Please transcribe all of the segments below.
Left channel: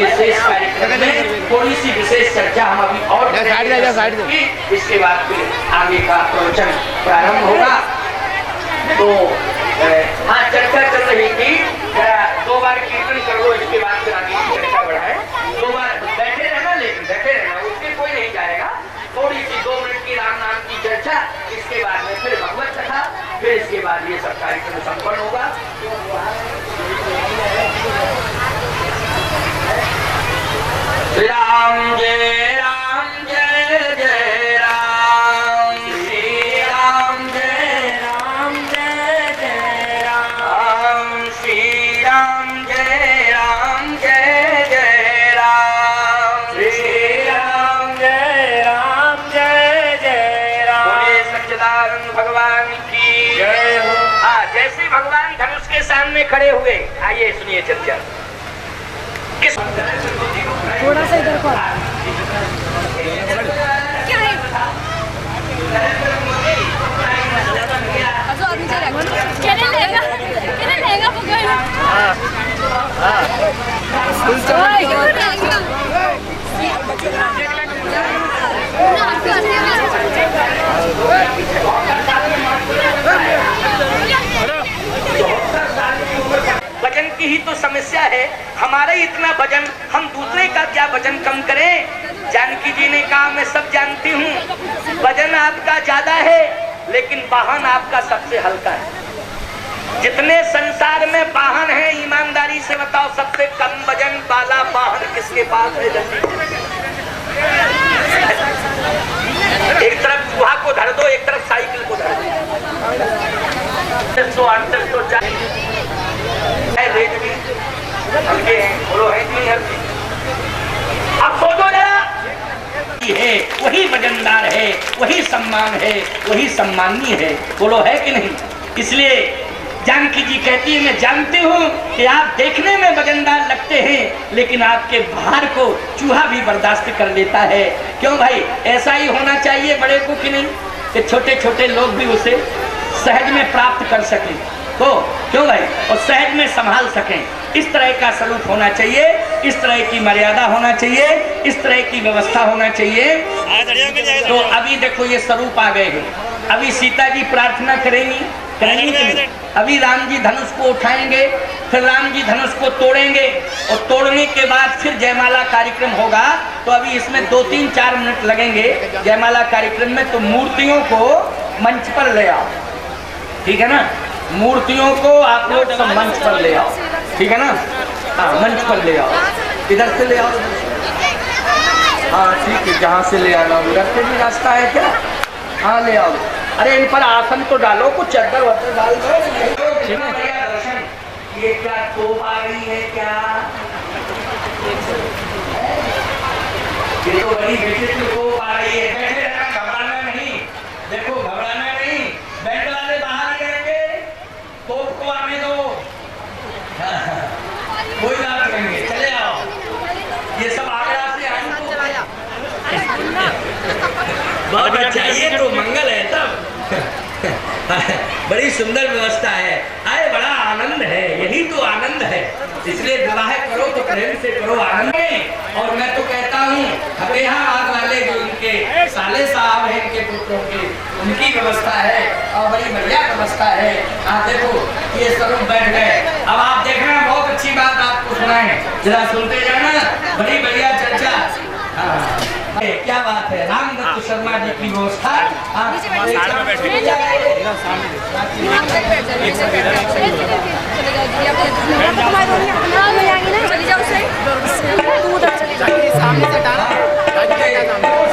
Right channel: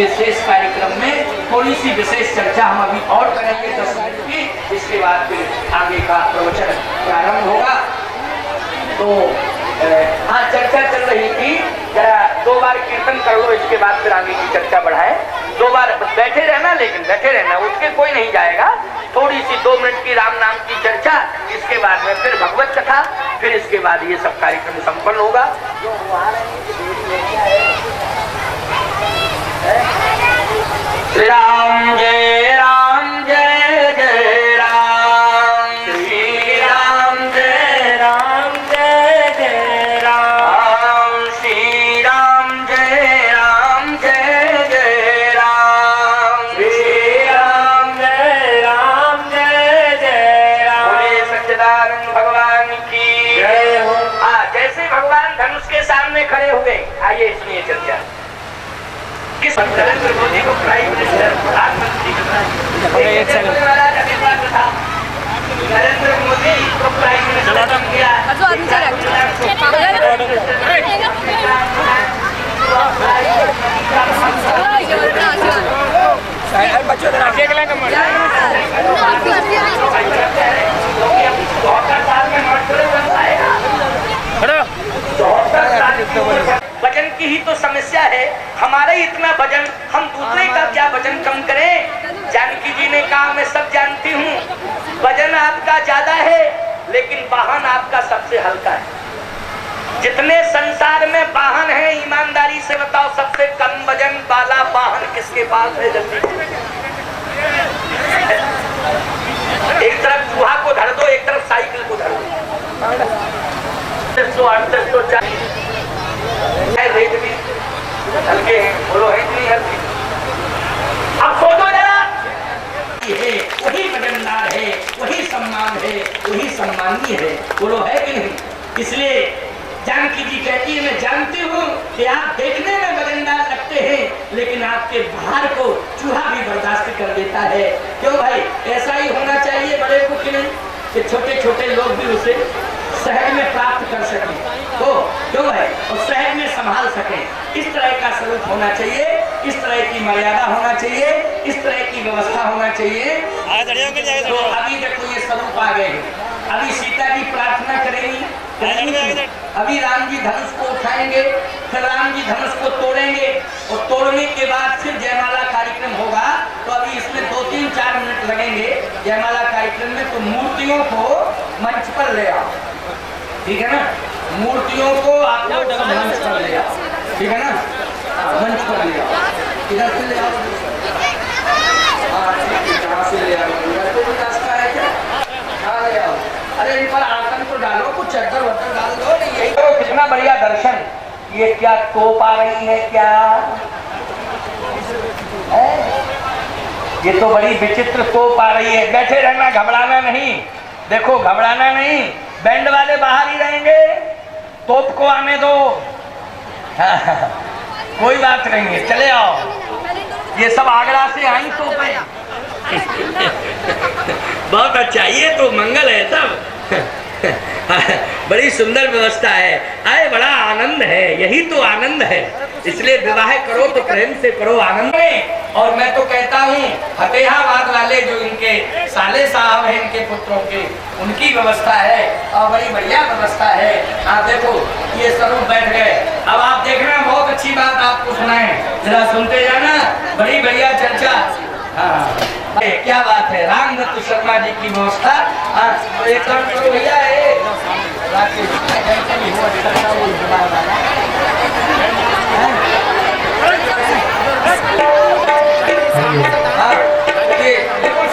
ये शेष कार्यक्रम में थोड़ी सी विशेष चर्चा हम अभी और करेंगे, इसके बाद फिर आगे का प्रवचन प्रारंभ होगा। तो हाँ, चर्चा चल रही थी, जरा 2 बार कीर्तन कर लो, इसके बाद फिर आगे की चर्चा बढ़ाए। 2 बार बैठे रहना, लेकिन बैठे रहना, उसके कोई नहीं जाएगा। थोड़ी सी 2 मिनट की राम नाम की चर्चा, इसके बाद में फिर भगवत कथा, फिर इसके बाद ये सब कार्यक्रम संपन्न होगा। श्री राम जय राम, जय जय राम, श्री राम जय राम, जय जय राम, श्री राम जय राम, जय जय राम, श्री राम जय राम, जय जय राम। बोले सच्चिदानंद भगवान की जय हो। जैसे भगवान धनुष के सामने खड़े हुए, आइए सुनिए चर्चा। किस नरेंद्र मोदी को प्राइम मिनिस्टर, प्रधानमंत्री, नरेंद्र मोदी को प्राइम मिनिस्टर किया। वजन की ही तो समस्या है, हमारा ही इतना वजन, हम दूसरे का क्या वजन कम करें। जानकी जी ने कहा मैं सब जानती हूँ, वजन आपका ज्यादा है लेकिन वाहन आपका सबसे हल्का है। जितने संसार में वाहन है, ईमानदारी से बताओ सबसे कम वजन वाला वाहन किसके पास है? एक तरफ चूहा को धर दो, एक तरफ साइकिल को धर दो। 168 रेट भी हल्के हैं, बोलो है कि नहीं हल्के? अब सोचो जरा, है वही वजनदार है, वही सम्मान है, वही सम्मानीय है, बोलो है कि नहीं? इसलिए जानकी जी कहती है मैं जानती हूँ कि आप देखने में वजनदार लगते हैं, लेकिन आपके भार को चूहा भी बर्दाश्त कर लेता है। क्यों भाई? ऐसा ही होना चाहिए बड़े को कि नहीं, कि छोटे छोटे लोग भी उसे सहज में प्राप्त कर सकें। तो क्यों भाई? और सहज में संभाल सकें। इस तरह का स्वरूप होना चाहिए, इस तरह की मर्यादा होना चाहिए, इस तरह की व्यवस्था होना चाहिए। तो अभी देखो ये स्वरूप आ गए हैं। अभी सीता जी प्रार्थना करेंगी, अभी राम जी धनुष को उठाएंगे, फिर राम जी धनुष को तोड़ेंगे, और तोड़ने के बाद फिर जयमाला कार्यक्रम होगा। तो अभी इसमें 2-3-4 मिनट लगेंगे जयमाला कार्यक्रम में। तो मूर्तियों को मंच पर ले आओ, ठीक है ना? मूर्तियों को आप लोग सब मंच पर ले आओ, ठीक है ना? हाँ, मंच पर ले आओ। इधर से ले आओ। हाँ ठीक है, कहाँ से ले आओ? इधर से भी रास्ता है क्या? हाँ ले आओ। अरे इन पर आसन तो डालो, कुछ चद्दर वद्दर डाल दो। कितना बढ़िया दर्शन। ये क्या तोप आ गई है क्या? ये तो बड़ी विचित्र तोप आ रही है। बैठे रहना, घबराना नहीं। देखो घबराना नहीं, बैंड वाले बाहर ही रहेंगे, तोप को आने दो। कोई बात नहीं है, चले आओ। ये सब आगरा से आई तो बहुत अच्छा, ये तो मंगल है सब। बड़ी सुंदर व्यवस्था है। आए बड़ा आनंद है, यही तो आनंद है। इसलिए विवाह करो तो प्रेम से करो, आनंद में। और मैं तो कहता हूँ फतेहाबाद वाले जो इनके साले साहब हैं, इनके पुत्रों के, उनकी व्यवस्था है और बड़ी बढ़िया व्यवस्था है। हाँ देखो ये स्वरूप बैठ गए। अब आप देखना, बहुत अच्छी बात आपको सुनाए, जरा सुनते जाना, बड़ी बढ़िया चर्चा। हाँ क्या बात है, रामदत्त शर्मा जी की व्यवस्था।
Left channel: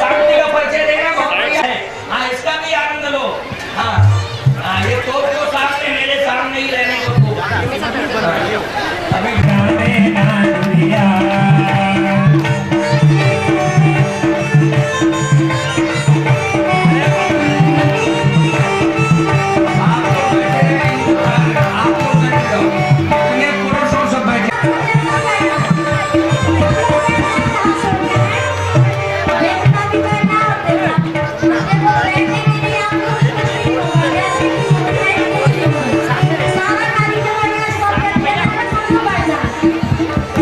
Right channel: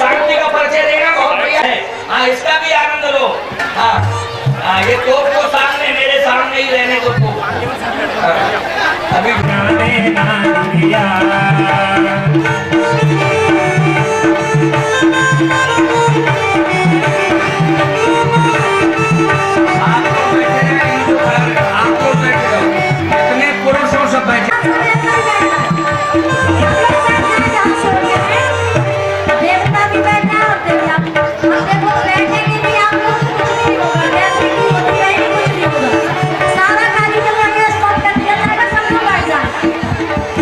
शांति का परिचय देना बहुत बढ़िया है। हाँ इसका भी आनंद लो। हाँ ये तो सामने, मेरे सामने ही रहने को अभी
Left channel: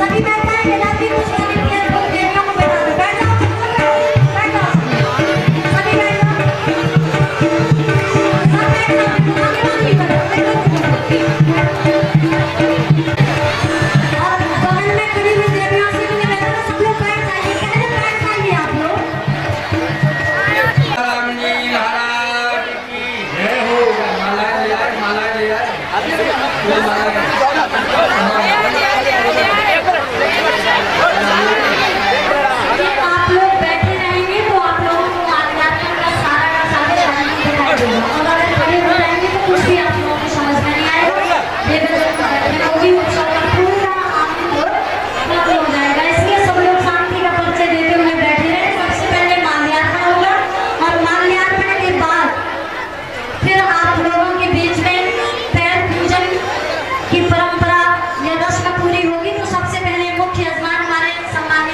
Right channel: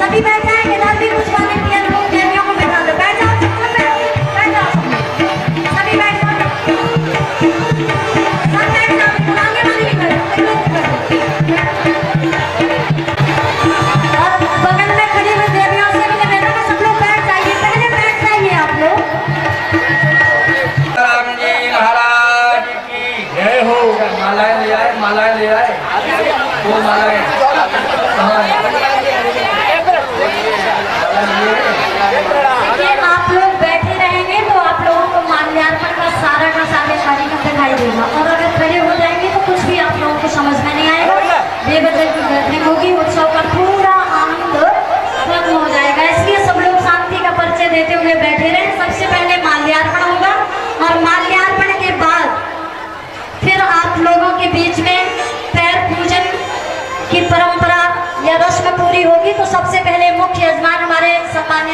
सभी बैठे हैं।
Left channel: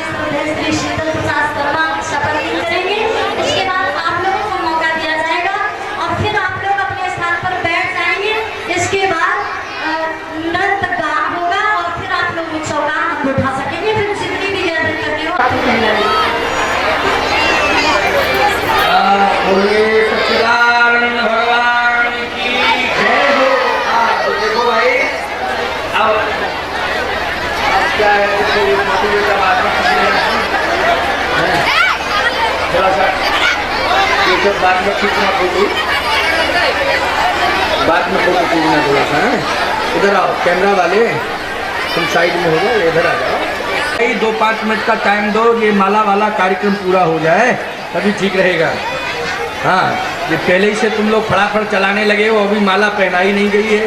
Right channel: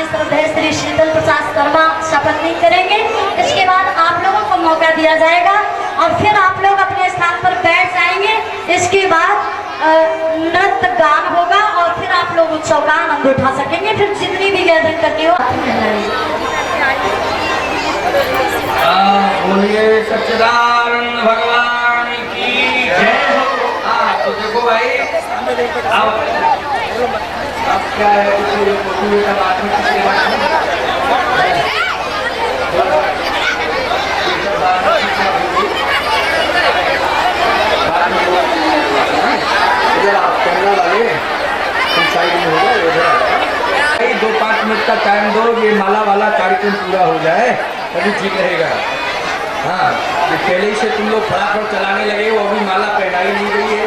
श्रद्धेय श्री शीतल प्रसाद शर्मा शपथ भी करेंगे। इसके बाद आप लोगों को मौका दिया जाएगा और फिर आप लोग अपने स्थान पर बैठ जाएंगे। इसके बाद नृत्य गान होगा और फिर आप लोग उत्सव का आनंद उठा सकेंगे। फिर जितनी भी गर्दन करनी हो बोलिए सच्चिदानंद भगवान की जय हो। तो देखो भाई अब क्या है इधर आओ कैमरा वाले, तुम साइड में हो जाए, इधर आ जाओ। 2-5 मिनट का टाइम दो, ये माला वाला कार्यक्रम पूरा हो जाए तभी ठीक रहेगा। हाँ, ये पहले ही से तुम लोग फटाफट चलाने लगे हो, अभी माला पहनाई नहीं गई है।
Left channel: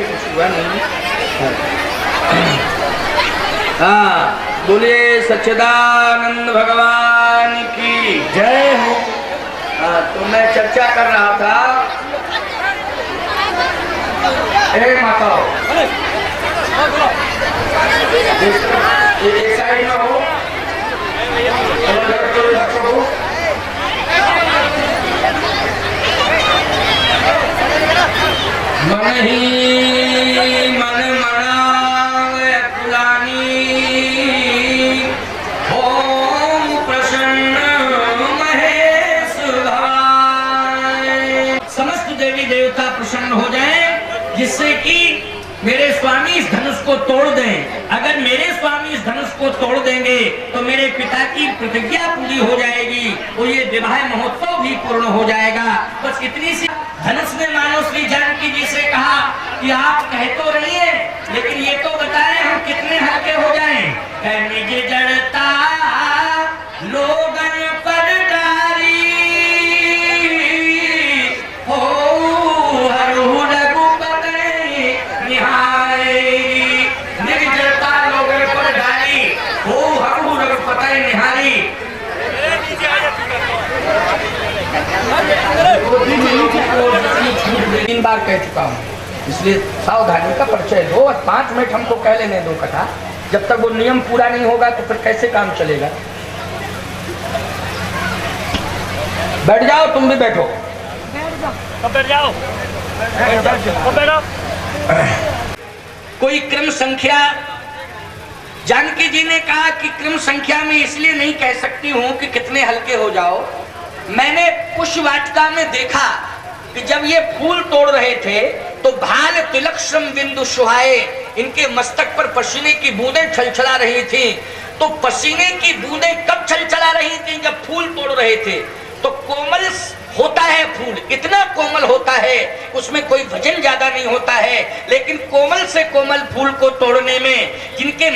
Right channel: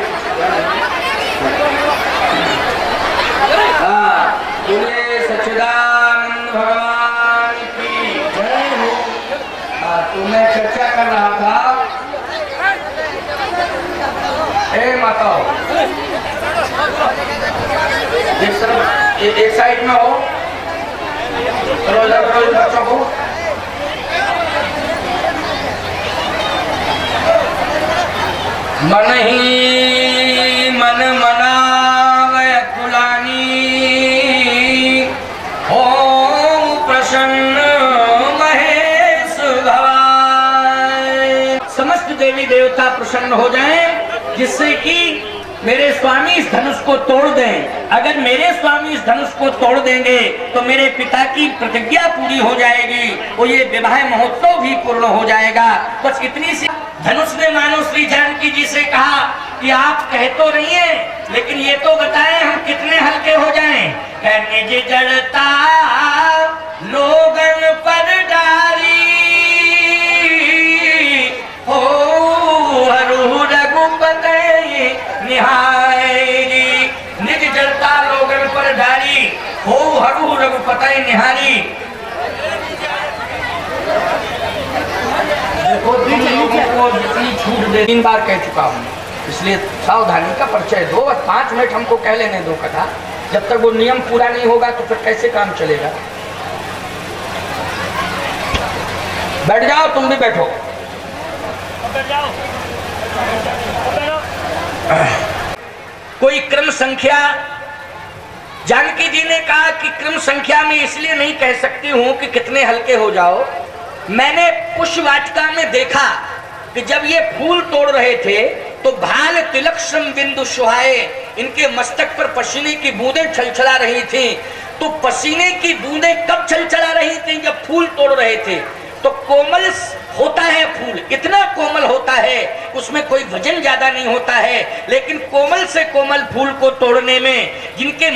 हाँ, बोले सच्चिदानंद भगवान की जय हो। तो मैं चर्चा कर रहा था, माता एक साइड में हो, बच्चों को मन ही मन मनावय कुलानी हो प्रसन्न महेश भवाय। समस्त देवी देवता प्रसन्न हो जाएं, जिससे कि मेरे स्वामी इस धनुष को तोड़ दें। अगर मेरे स्वामी इस धनुष को तोड़ देंगे तो मेरे पिता की प्रतिज्ञा पूरी हो जाएगी, वो ये विवाह महोत्सव भी पूर्ण हो जाएगा। बस इतनी सी धनुष ने मानो श्री जानकी जी से कहा कि आप कह तो रही हैं, लेकिन ये तो बताएं हम कितने हल्के हो जाएं। निज जड़ता लोगन पर डारी हो हरू रघुपति निहारी। निज जड़ता लोगन पर डारी हो हरू रघुपति निहारी। 3 बार कह चुका हूँ, इसलिए सावधानी का परिचय दो और 5 मिनट हमको कह लेने दो कथा। जब तक वो नियम पूरा नहीं होगा तो फिर कैसे काम चलेगा। बैठ जाओ, तुम भी बैठो। बैठ जाओ। कोई क्रम संख्या, जानकी जी ने कहा कि क्रम संख्या में इसलिए नहीं कह सकती हूँ कि कितने हल्के हो जाओ। मैंने पुष्पवाटिका में देखा कि जब ये फूल तोड़ रहे थे तो भाल तिलक श्रम बिंदु सुहाए, इनके मस्तक पर पसीने की बूंदें छलछला रही थी। तो पसीने की बूंदें कब छलछला रही थी? जब फूल तोड़ रहे थे। तो कोमल होता है फूल, इतना कोमल होता है, उसमें कोई वजन ज्यादा नहीं होता है, लेकिन कोमल से कोमल फूल को तोड़ने में जिनके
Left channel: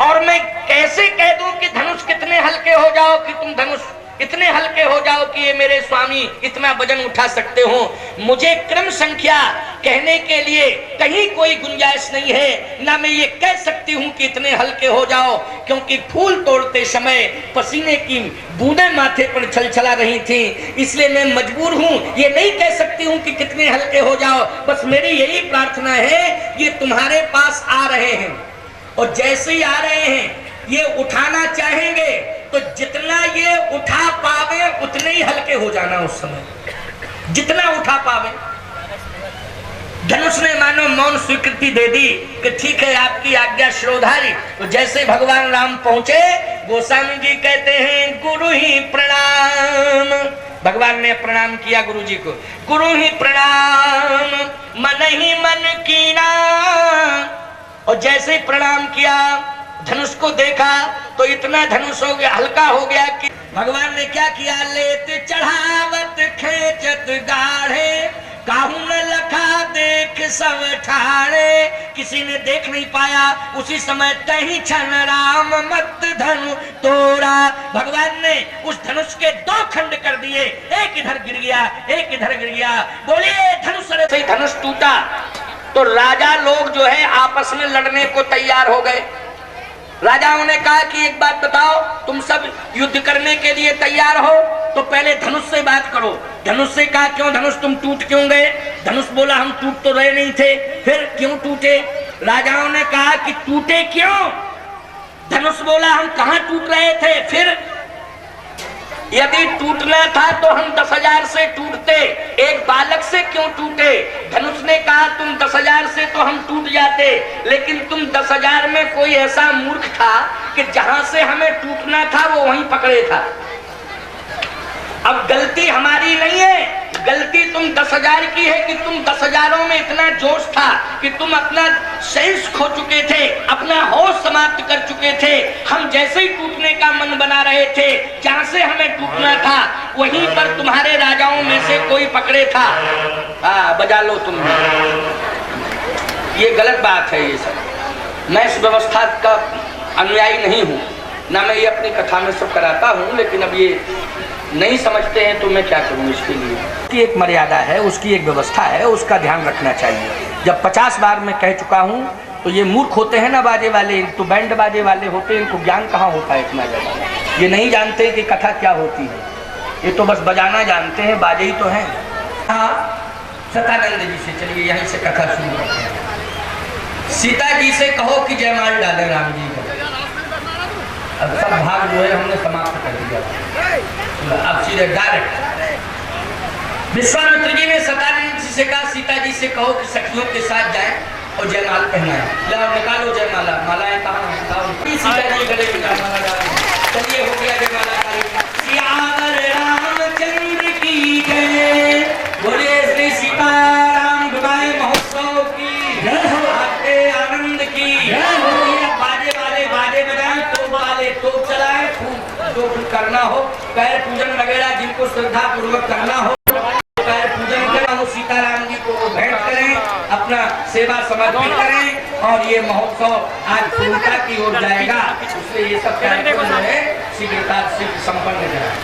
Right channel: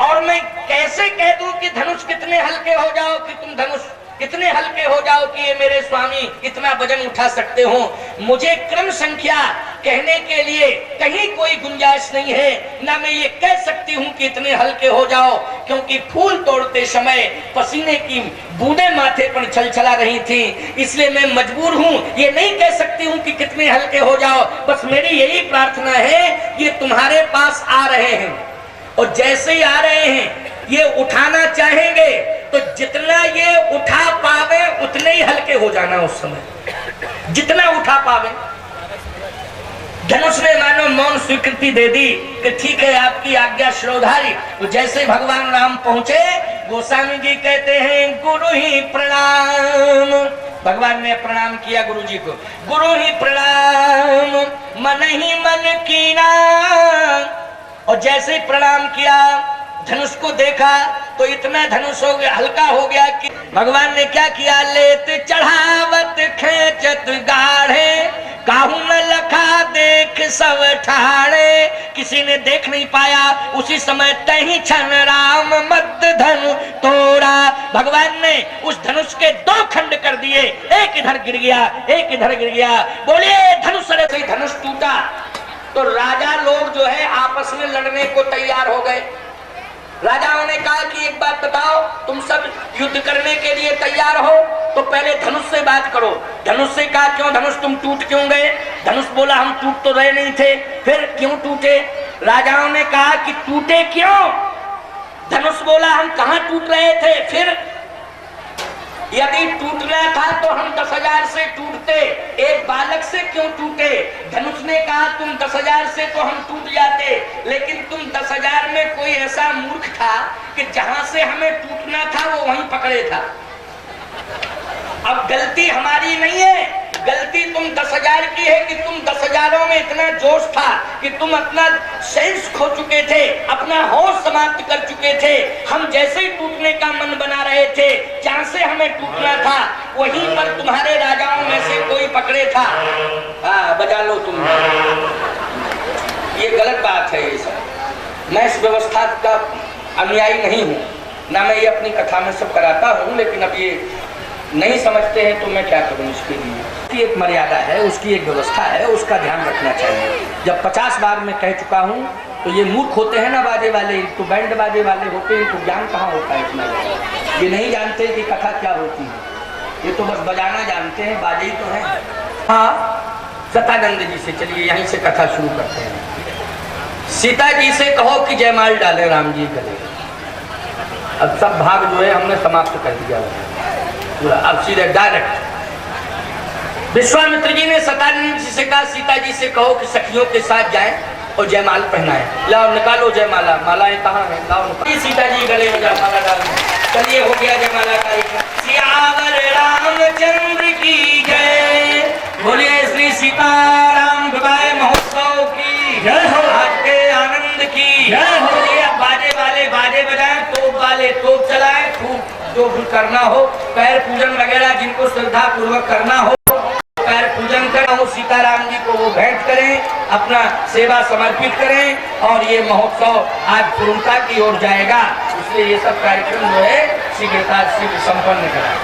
और मैं कैसे कह दूं कि धनुष कितने हल्के हो जाओ, कि तुम धनुष इतने हल्के हो जाओ कि ये मेरे स्वामी इतना वजन उठा सकते हो। मुझे क्रम संख्या कहने के लिए कहीं कोई गुंजाइश नहीं है, ना मैं ये कह सकती हूँ कि इतने हल्के हो जाओ, क्योंकि फूल तोड़ते समय पसीने की बूंदें माथे पर छलछला रही थी। इसलिए मैं मजबूर हूँ, ये नहीं कह सकती हूँ कि कितने हल्के हो जाओ। बस मेरी यही प्रार्थना है, ये तुम्हारे पास आ रहे हैं और जैसे ही आ रहे हैं ये उठाना चाहेंगे तो जितना ये उठा पावे उतने ही हल्के हो जाना। उस समय जितना उठा पावे। धनुष ने मानो मौन स्वीकृति दे दी कि ठीक है, आपकी आज्ञा श्रोधारी। तो जैसे भगवान राम पहुंचे, गोस्वामी जी कहते हैं गुरु ही प्रणाम। भगवान ने प्रणाम किया गुरु जी को, गुरु ही प्रणाम मन ही मन कीना। और जैसे ही प्रणाम किया, धनुष को देखा तो इतना धनुष हो गया, हल्का हो गया कि भगवान ने क्या किया, लेत चढ़ावत खेचत गाढ़े, काहू न लखा देख सब ठाड़े। किसी ने देख नहीं पाया, उसी समय तही क्षण राम मत धनु तोड़ा। भगवान ने उस धनुष के 2 खंड कर दिए, एक इधर गिर गया, एक इधर गिर गया। बोलिए धनुष से धनुष टूटा तो राजा लोग जो है आपस में लड़ने को तैयार हो गए। राजाओं ने कहा कि एक बात बताओ, तुम सब युद्ध करने के लिए तैयार हो तो पहले धनुष से बात करो। धनुष से कहा क्यों धनुष तुम टूट क्यों गए? धनुष बोला हम टूट तो रहे नहीं थे, फिर क्यों टूटे? राजाओं ने कहा कि टूटे क्यों? धनुष बोला जान कहाँ टूट रहे थे। फिर यदि टूटना था तो हम 10,000 से टूटते, एक बालक से क्यों टूटे? धनुष ने कहा तुम 10,000 से तो हम टूट जाते, लेकिन तुम 10,000 में कोई ऐसा मूर्ख था कि जहां से हमें टूटना था वो वहीं पकड़े था। अब गलती हमारी नहीं है, गलती तुम 10,000 की है कि तुम 10,000 में इतना जोश था कि तुम अपना सेंस खो चुके थे, अपना होश समाप्त कर चुके थे। हम जैसे ही टूटने का मन बना रहे थे, जहां से हमें टूटना था वहीं पर तुम्हारे राजाओं में से कोई पकड़े था। बजा लो तुम। ये गलत बात है। ये सब मैं इस व्यवस्था का अनुयायी नहीं हूँ, ना मैं ये अपनी कथा में सब कराता हूँ, लेकिन अब ये नहीं समझते हैं तो मैं क्या करूं इसके लिए। उसकी एक मर्यादा है, उसकी एक व्यवस्था है, उसका ध्यान रखना चाहिए। जब 50 बार मैं कह चुका हूं तो ये मूर्ख होते हैं ना बाजे वाले, तो बैंड बाजे वाले होते हैं, इनको ज्ञान कहाँ होता है इतना ज्यादा। ये नहीं जानते कि कथा क्या होती है, ये तो बस बजाना जानते हैं, बाजे ही तो हैं। हाँ, सतानंद जी से चलिए यहीं से कथा शुरू करते हैं। सीता जी से कहो कि जयमाल डाले राम जी का। अब सब भाग जो है हमने समाप्त कर दिया, अब सीधे डायरेक्ट। विश्वामित्र जी ने सतानंद जी से कहा सीता जी से कहो कि सखियों के साथ जाएं और जयमाल पहनाएं। लाओ निकालो जयमाला, मालाएं कहाँ हैं? लाओ। सीता जी गले में जयमाला डाल। चलिए हो गया जयमाला का। सियावर रामचंद्र की जय, बोलिए श्री सीताराम विवाह महोत्सव की जय हो, आपके आनंद की जय हो। बाजे वाले बाजे बजाएं, तोप वाले तोप चलाएं, खूब जो भी करना हो, पैर पूजन वगैरह जिनको श्रद्धा पूर्वक करना हो पैर पूजन करें, वो सीताराम जी को वो भेंट करें, अपना सेवा समर्पित करें और ये महोत्सव आज पूर्णता की ओर जाएगा। इसलिए ये सब कार्यक्रम जो है शीघ्रता से संपन्न करें।